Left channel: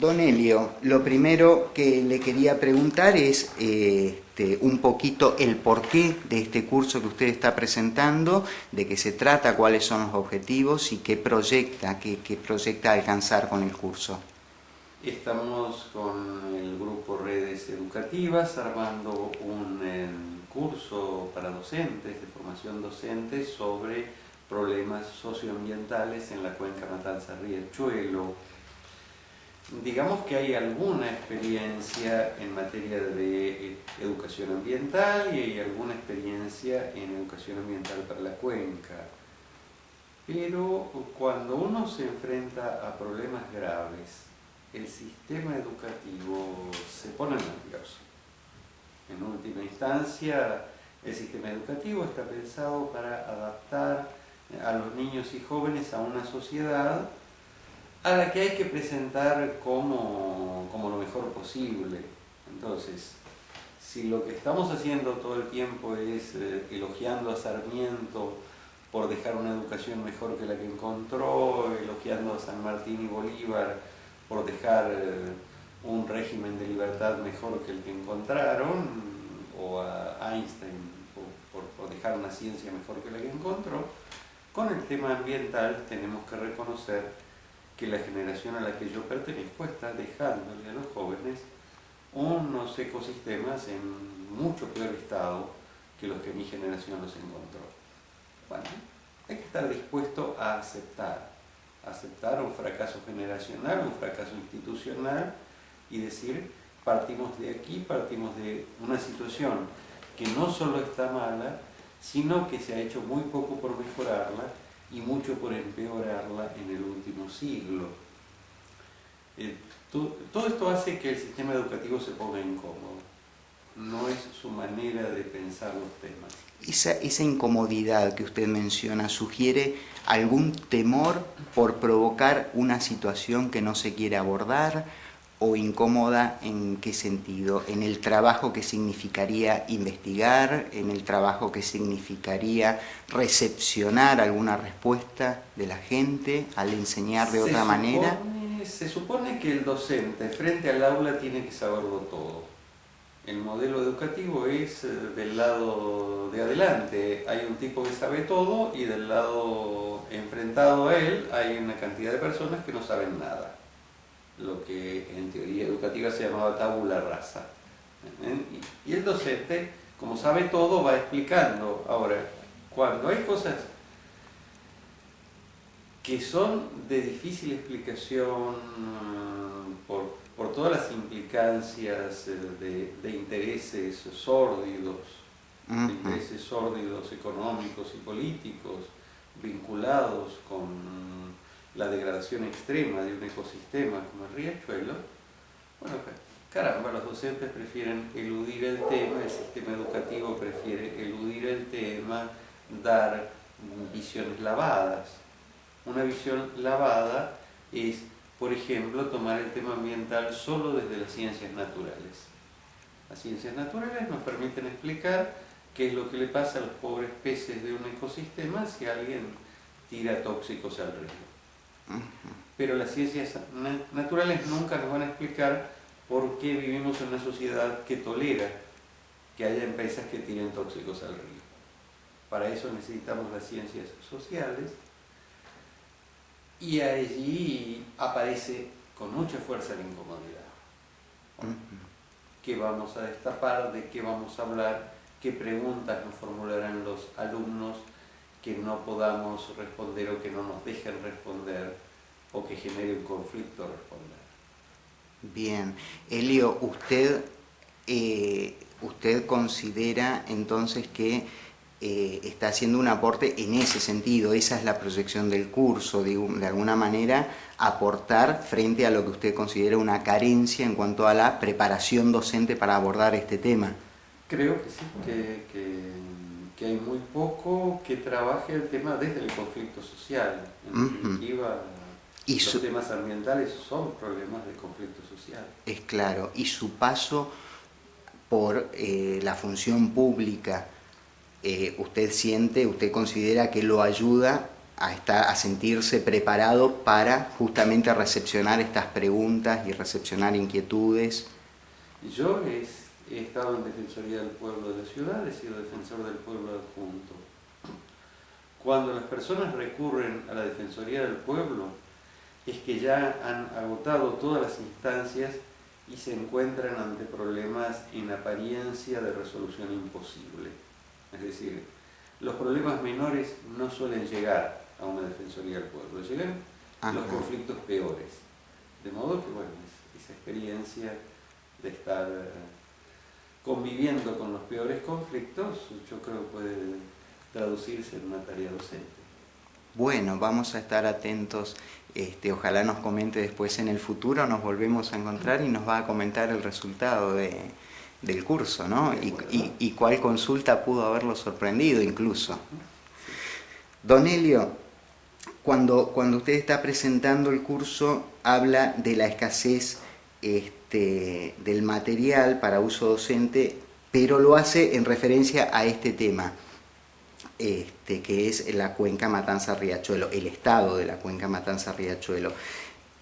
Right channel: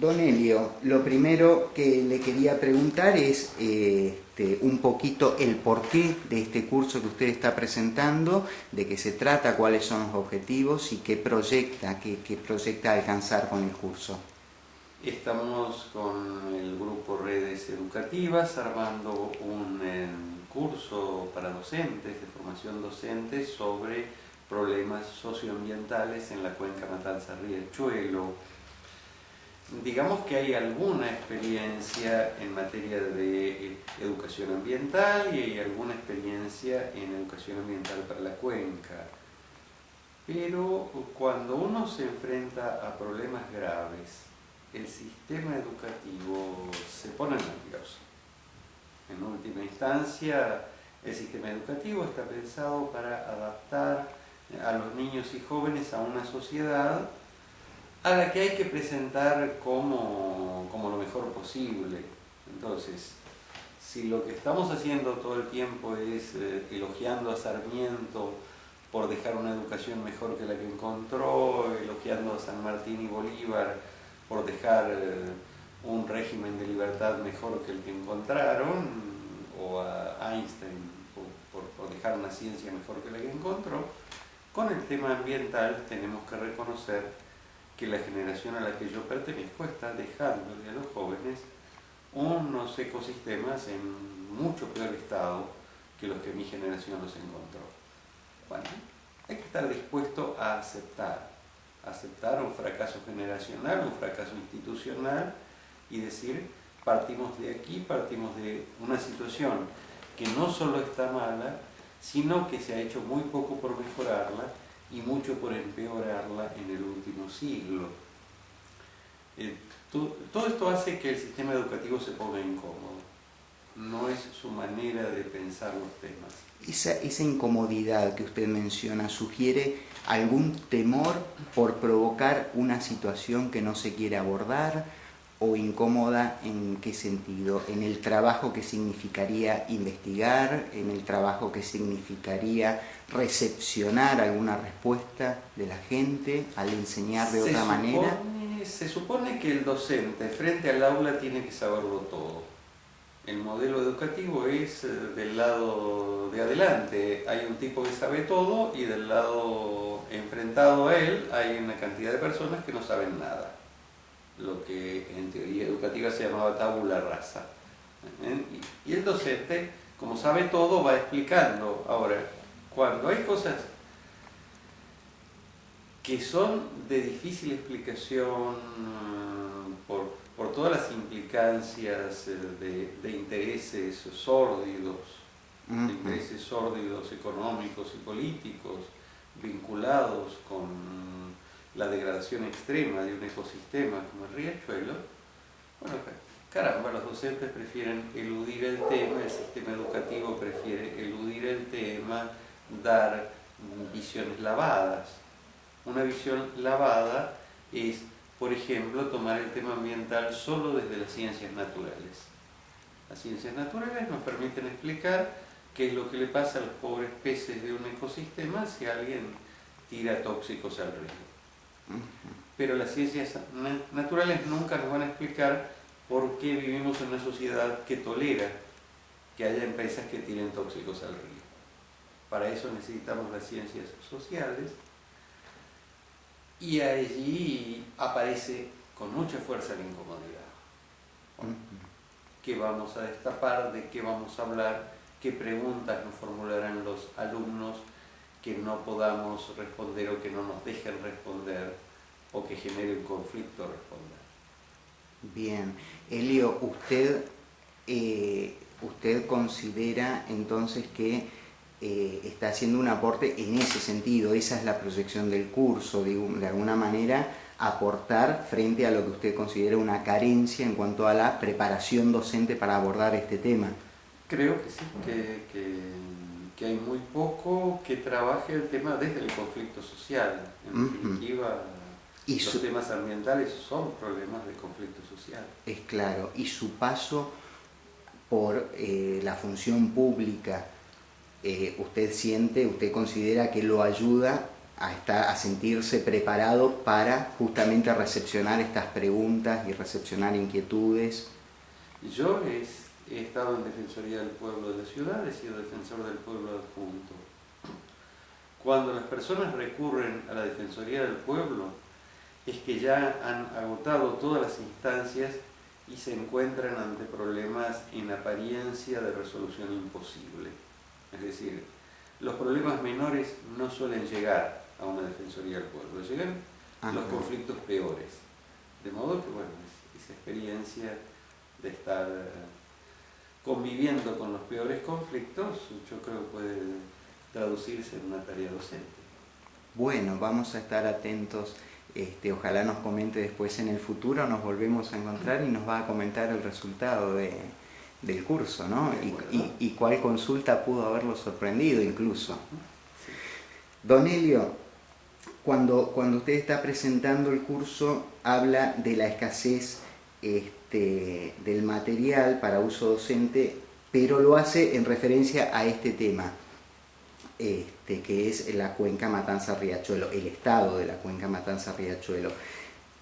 Don Elio, lo primero que le quería preguntar es un poquito el porqué de este curso que usted está presentando, de qué se trata, cuáles son los objetivos y qué proyecta alcanzar con el curso. Estamos con el grupo Redes Educativas armando un curso para docentes, de formación docente, sobre problemas socioambientales en la cuenca Matanza-Riachuelo. Digamos que hay alguna experiencia en materia de educación ambiental y hay alguna experiencia en educación ambiental para la cuenca. Pero cuando uno se enfrenta a problemas graves, el sistema educativo se pone nervioso. En última instancia, el sistema educativo está pensado para adaptar a los niños y jóvenes a una sociedad a la que hay que presentar como lo mejor posible. Entonces, si lo que estamos haciendo todo el tiempo es elogiando a Sarmiento por dejar una educación mejor que la que encontró, elogiando a San Martín y Bolívar por dejar un régimen de libertad mejor que el que encontraron, o a Einstein por dejar una ciencia mejor que la que encontró, con el tema ambiental tenemos que reconocer que la generación a la que yo pertenezco está dejándole a los jóvenes unos ecosistemas en mucho peor estado que los que mi generación los encontró. Bueno, hay que estar dispuesto a aceptar un fracaso generacional, un fracaso institucional y decir, partimos de aquí, partimos de una situación que no solo está mala, sino que se ha hecho muy poco por mejorarla y mucho por empeorarla en el último siglo. Todo esto hace que el sistema educativo se ponga incómodo. No es su manera de pensar los temas. Esa incomodidad que usted menciona sugiere algún temor por provocar una situación que no se quiere abordar, o incómoda ¿en qué sentido? ¿En el trabajo que significaría investigar? ¿En el trabajo que significaría recepcionar alguna respuesta de la gente al enseñar de otra manera? Se supone que el docente frente al aula tiene que saberlo todo. El modelo educativo es del lado de adelante. Hay un tipo que sabe todo y del lado enfrentado a él hay una cantidad de personas que no saben nada. Lo que en teoría educativa se llamaba tabula rasa. Y el docente, como sabe todo, va explicando. Ahora, cuando hay cosas que son de difícil explicación por todas las implicancias de intereses sórdidos, de intereses sórdidos económicos y políticos vinculados con la degradación extrema de un ecosistema como el Riachuelo, bueno, caramba, los docentes prefieren eludir el tema, el sistema educativo prefiere eludir el tema, dar visiones lavadas. Una visión lavada es, por ejemplo, tomar el tema ambiental solo desde las ciencias naturales. Las ciencias naturales nos permiten explicar qué es lo que le pasa a los pobres peces de un ecosistema si alguien tira tóxicos al río. Pero las ciencias naturales nunca nos van a explicar por qué vivimos en una sociedad que tolera que haya empresas que tiren tóxicos al río. Para eso necesitamos las ciencias sociales y allí aparece con mucha fuerza la incomodidad. ¿Qué vamos a destapar? ¿De qué vamos a hablar? ¿Qué preguntas nos formularán los alumnos que no podamos responder o que no nos dejen responder o que genere un conflicto responder? Bien. Elio, usted considera entonces que está haciendo un aporte en ese sentido, esa es la proyección del curso, de alguna manera aportar frente a lo que usted considera una carencia en cuanto a la preparación docente para abordar este tema. Creo que sí, que hay muy poco que trabaje el tema desde el conflicto social. En definitiva, los temas ambientales son problemas de conflicto social. Es claro, y su paso por la función pública, usted considera que lo ayuda a sentirse preparado para justamente recepcionar estas preguntas y recepcionar inquietudes? Yo he estado en Defensoría del Pueblo de la ciudad, he sido defensor del pueblo adjunto. Cuando las personas recurren a la Defensoría del Pueblo, es que ya han agotado todas las instancias y se encuentran ante problemas en apariencia de resolución imposible. Es decir, los problemas menores no suelen llegar a una Defensoría del Pueblo, llegan los conflictos peores. De modo que, bueno, esa experiencia de estar conviviendo con los peores conflictos, yo creo que puede traducirse en una tarea docente. Bueno, vamos a estar atentos, ojalá nos comente después en el futuro, nos volvemos a encontrar y nos va a comentar el resultado del curso, ¿no? Y cuál consulta pudo haberlo sorprendido incluso. Don Elio, cuando usted está presentando el curso, habla de la escasez del material para uso docente, pero lo hace en referencia a este tema. Que es la cuenca Matanza-Riachuelo, el estado de la cuenca Matanza-Riachuelo.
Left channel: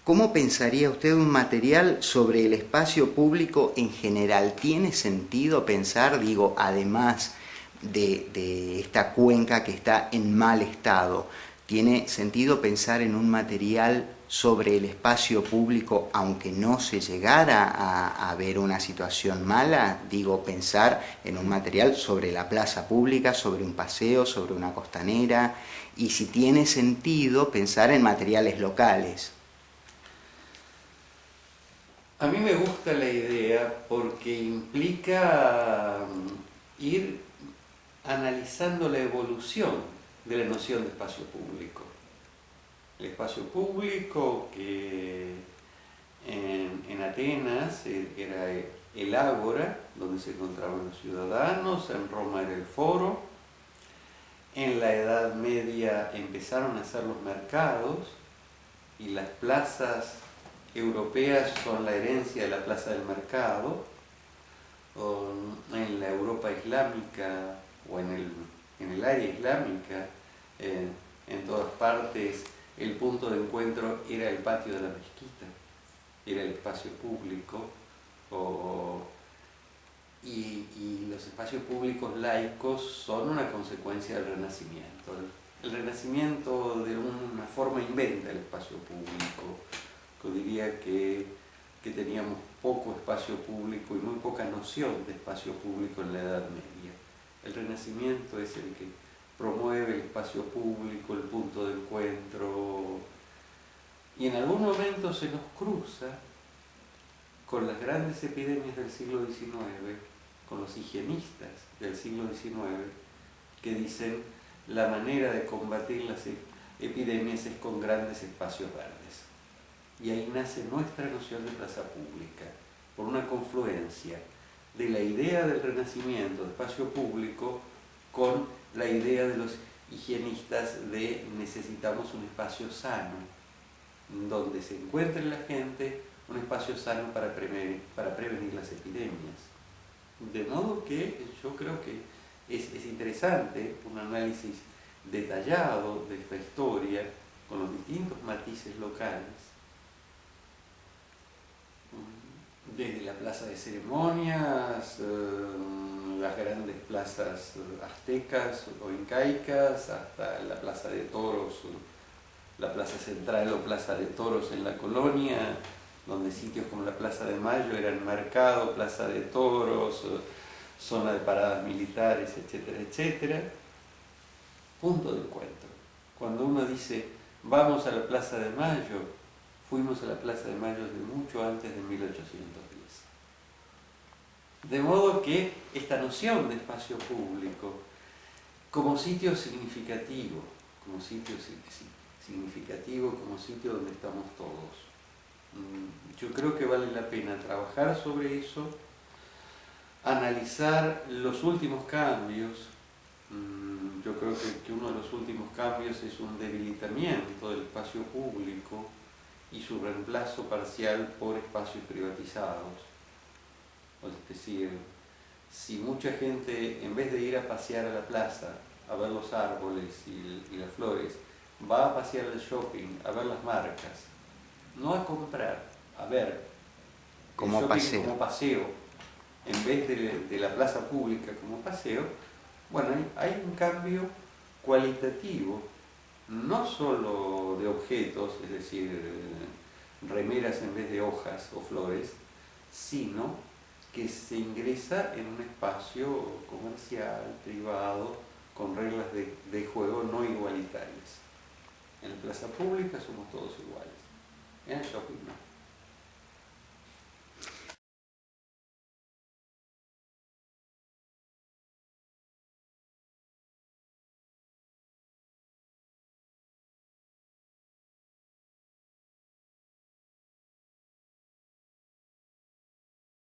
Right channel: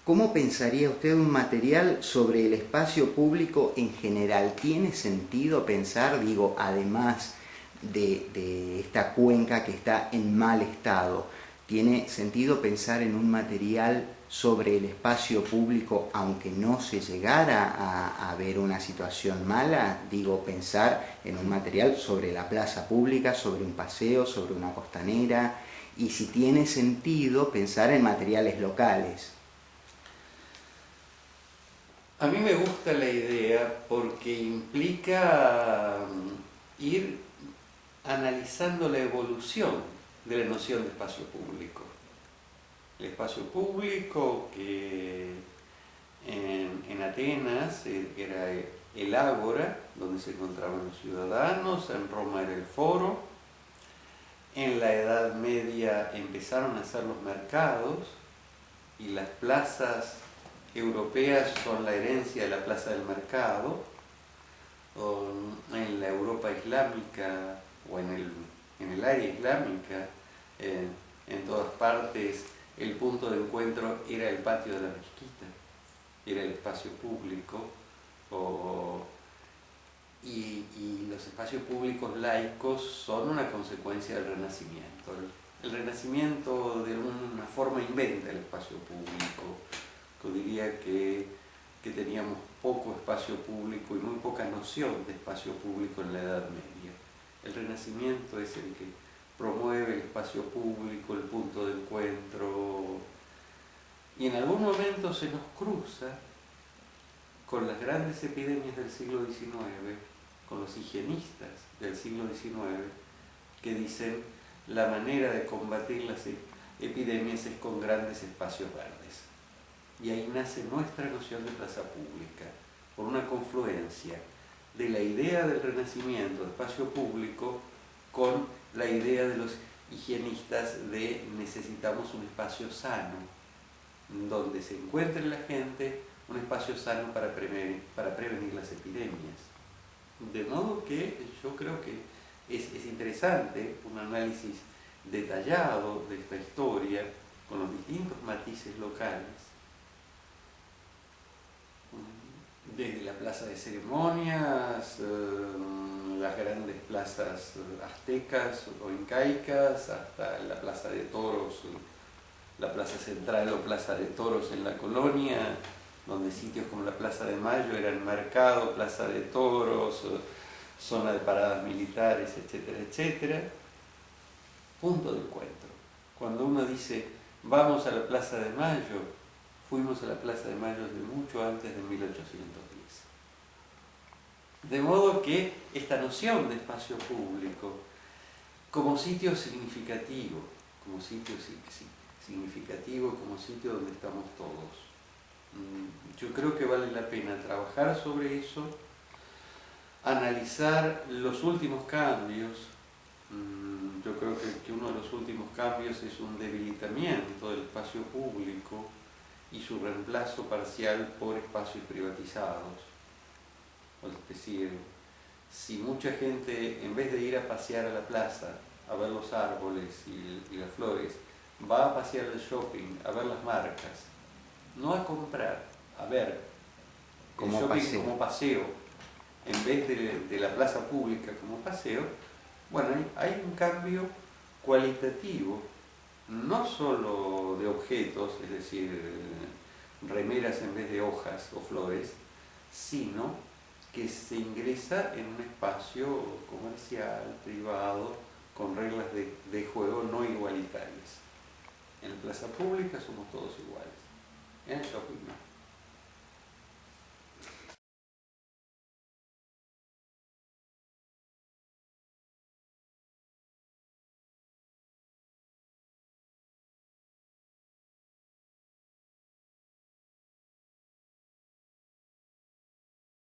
¿Cómo pensaría usted un material sobre el espacio público en general? ¿Tiene sentido pensar, digo, además de esta cuenca que está en mal estado, tiene sentido pensar en un material sobre el espacio público aunque no se llegara a ver una situación mala? Digo, pensar en un material sobre la plaza pública, sobre un paseo, sobre una costanera, y si tiene sentido pensar en materiales locales. A mí me gusta la idea porque implica ir analizando la evolución de la noción de espacio público. El espacio público que en Atenas era el ágora, donde se encontraban los ciudadanos, en Roma era el foro, en la Edad Media empezaron a hacer los mercados y las plazas europeas son la herencia de la plaza del mercado. En la Europa islámica o en el área islámica, en todas partes, el punto de encuentro era el patio de la mezquita, era el espacio público, y los espacios públicos laicos son una consecuencia del Renacimiento. El Renacimiento de una forma inventa el espacio público. Yo diría que teníamos poco espacio público y muy poca noción de espacio público en la Edad Media. El Renacimiento es el que promueve el espacio público, el punto de encuentro, y en algún momento se nos cruza con las grandes epidemias del siglo XIX, con los higienistas del siglo XIX, que dicen la manera de combatir las epidemias es con grandes espacios verdes. Y ahí nace nuestra noción de plaza pública, por una confluencia de la idea del Renacimiento de espacio público con la idea de los higienistas de necesitamos un espacio sano, donde se encuentre la gente, un espacio sano para prevenir las epidemias. De modo que yo creo que es interesante un análisis detallado de esta historia con los distintos matices locales, desde la plaza de ceremonias, las grandes plazas aztecas o incaicas, hasta la plaza de toros, la plaza central o plaza de toros en la colonia, donde sitios como la Plaza de Mayo eran mercado, plaza de toros, zona de paradas militares, etcétera, etcétera. Punto de encuentro. Cuando uno dice, vamos a la Plaza de Mayo, fuimos a la Plaza de Mayo desde mucho antes de 1810. De modo que esta noción de espacio público como sitio significativo, como sitio donde estamos todos, yo creo que vale la pena trabajar sobre eso, analizar los últimos cambios. Yo creo que uno de los últimos cambios es un debilitamiento del espacio público y su reemplazo parcial por espacios privatizados. Es decir, si mucha gente, en vez de ir a pasear a la plaza, a ver los árboles y las flores, va a pasear al shopping, a ver las marcas, no a comprar, a ver el shopping como paseo, en vez de la plaza pública como paseo, bueno, hay un cambio cualitativo, no solo de objetos, es decir, remeras en vez de hojas o flores, sino que se ingresa en un espacio comercial, privado, con reglas de juego no igualitarias. En la plaza pública somos todos iguales, en el shopping no.